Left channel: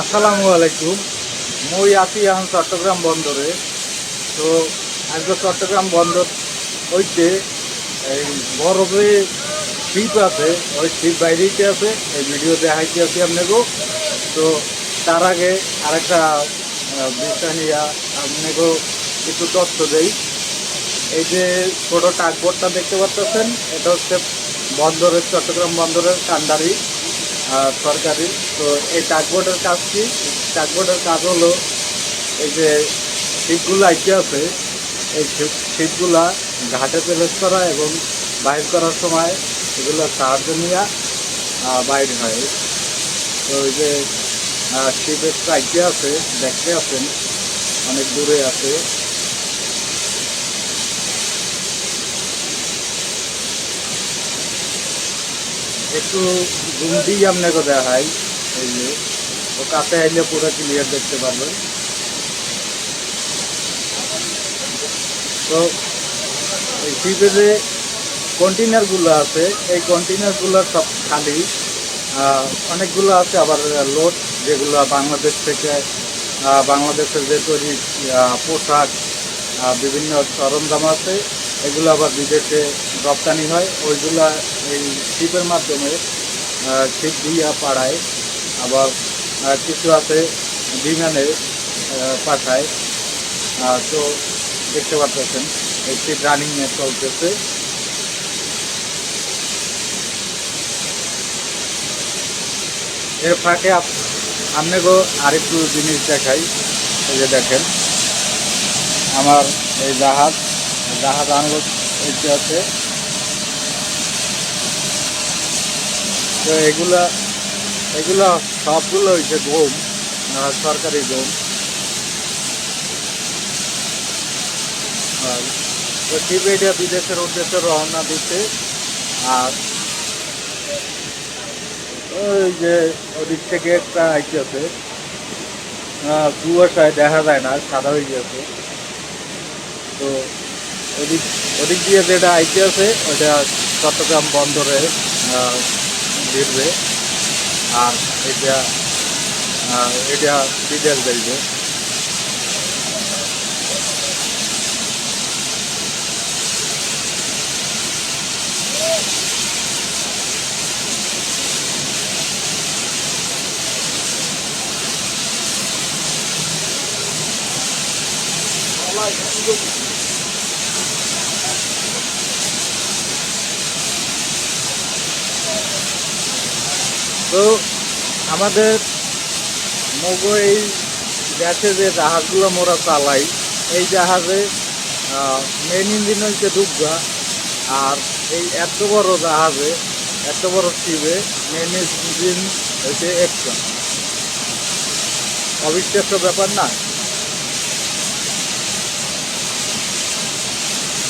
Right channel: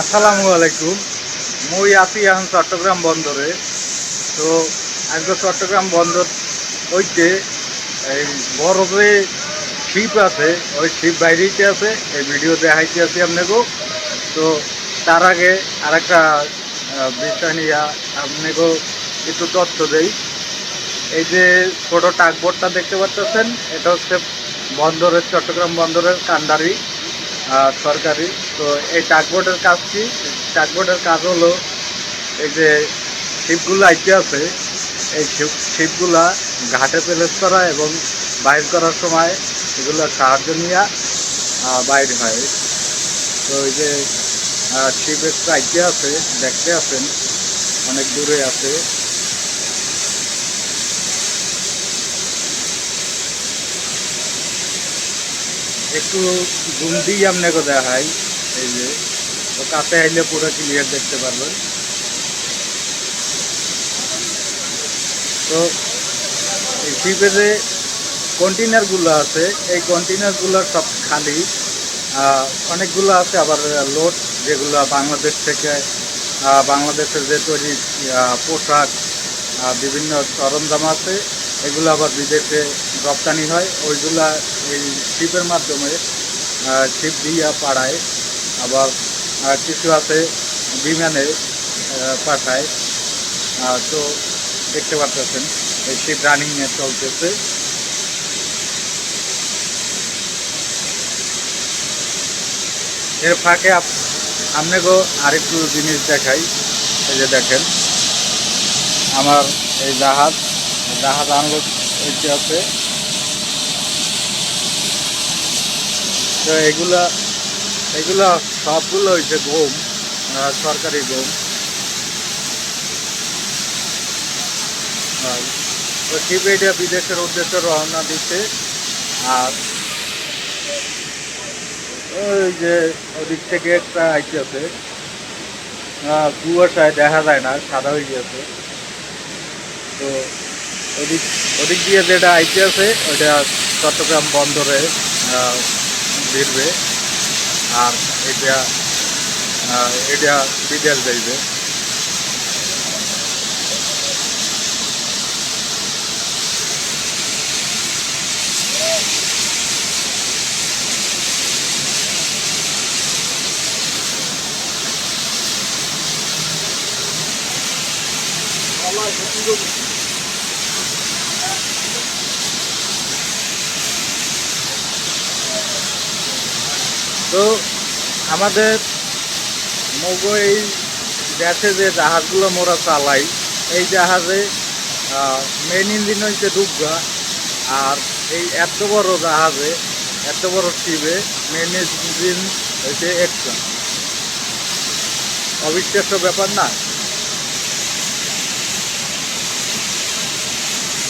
আসসালামু আলাইকুম। মই আছি এখন চট্টগ্রাম বন্দরে। তো আজকে চট্টগ্রাম বন্দর হইতে এই বড় যে শিপ আছে ওই শিপ বাইরেতে আছে, এই ভিডিও দেখাইতে আছি আপনাকে। তো তার আগে আরেকটা বিষয় নিয়ে আপনাকে একটু তথ্য দেই। এই যে ছোট টাকবোটটা দেখতে পাচ্ছেন, এটা হচ্ছে বন্দরের, চট্টগ্রাম বন্দরের কান্ডারি সরকারি। তো এই টাকবোটের কাজ কি? টাকবোটের কাজ হলো এই যে শিপগুলো আইতে আছে, এই শিপগুলা ঘাটে প্লেস করা এবং বাইর করার সময় এগুলো সাহায্য নিয়ে বাইর হয়। তো এই যে শিপের আইতে আছে, দেখতে আছেন অনেক দূরে আছে। একটু জুম দিয়ে আপনাকে দেখাই। এই যে তো কাছে আইলে পুরো ক্লিয়ার দেখতে পারবেন। তো এই শিপে যে কন্টেনারগুলো আছে, এই কন্টেনারগুলোর সব খালি। অনেকগুলো আছে আবার লোড, যেগুলো বাংলাদেশ থেকে, বাংলাদেশের যে তৈরি পোশাক, বিভিন্ন সরঞ্জাম আছে, এগুলো আবার বিদেশে রপ্তানি হয়। ওইগুলা এই শিপের মাধ্যমে শিপ দিয়া পাড়ায়। আবার কিছু আছে বিমানে পাঠায়। তো দেখতে পাচ্ছেন এই শিপ রানিংয়ে চলতেছে। এর ফাঁকে আপনাকেও আরেকটু জিনিস দেখাই। এই যে দেখেন আমার এই জাহাজ জাহাজ আনলোড হইতে আছে। তো এগুলা এগুলা সবগুলো হয়েছে গম, সরকারি গম। তো শিপ এটা বিদেশের উদ্দেশ্যে রওনা দিচ্ছে। আর ওই যে ওদিক থেকে একটা আইতেছে, কুয়াশায় দেখা যায় না, সাদা হয়ে গেছে। তো ওদিক ওদিক দিয়ে যেটা আইতে আছে ওইটা চট্টগ্রাম বন্দরে ভিড়বে। আর এটা এটা বিদেশ যাইবে। তো আমাদের এই দেশে যে জাহাজগুলো মোরা চালাই, এই জাহাজে মেন ইঞ্জিন হচ্ছে দুগ্গা। আর এই এত বড় জাহাজে, এত বড় শিপে মেন ইঞ্জিন হচ্ছে একটা। অবিশ্বাস্য ব্যাপার না?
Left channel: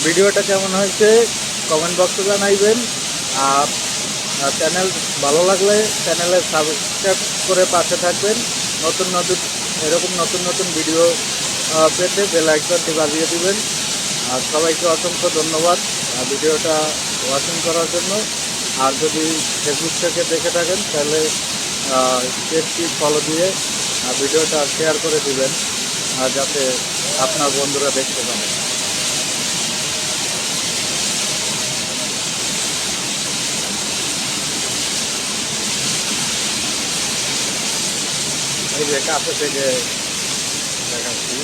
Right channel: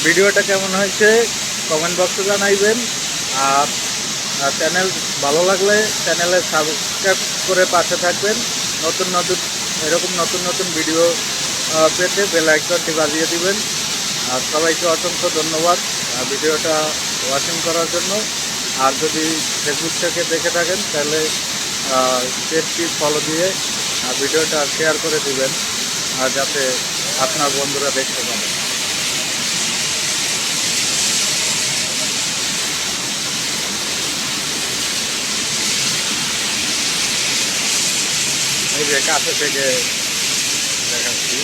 ভিডিওটা কেমন হয়েছে কমেন্ট বক্সে জানাইবেন। আর চ্যানেল ভালো লাগলে চ্যানেলে সাবস্ক্রাইব করে পাশে থাকবেন। নতুন নতুন এরকম নতুন নতুন ভিডিও পেতে বেল আইকনটি বাজিয়ে দিবেন। আর সবাইকে অসংখ্য ধন্যবাদ ভিডিওটা ওয়াচিং করার জন্য। আর যদি ফেসবুক থেকে দেখে থাকেন তাহলে পেজটি ফলো দিয়ে ভিডিওটা শেয়ার করে দিবেন, যাতে আপনার বন্ধুরা দেখতে পারে। এই যে কাছে থেকে দেখাচ্ছি।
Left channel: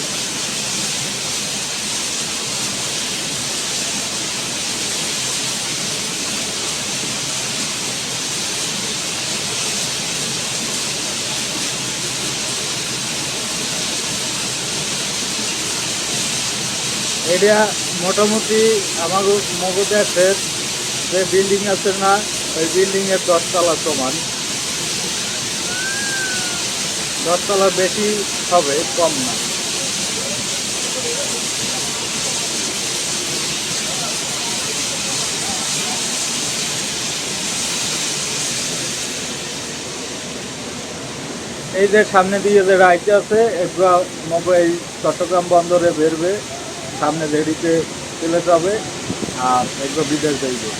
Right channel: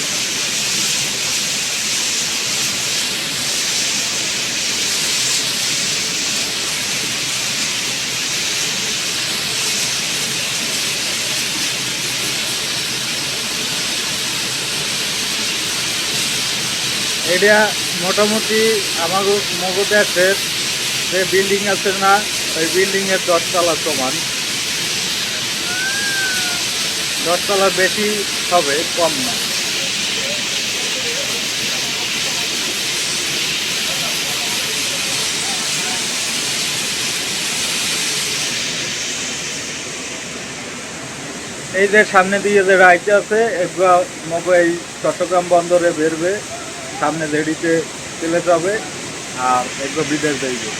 এটা মোটামুটি আমার মগো দেশের যে বিল্ডিং আছে না, ওই বিল্ডিংয়ের 10 তলা সমান। 10 তলার বেশি হবে, কম না। এই যে সামনে দিয়ে যে রাইতে আছে, এগুলো মগো এই চট্টগ্রাম বন্দরে বেরবে, সামনে রেডিতে চলে যাবে। আর এগুলো বিদেশ যাইবে।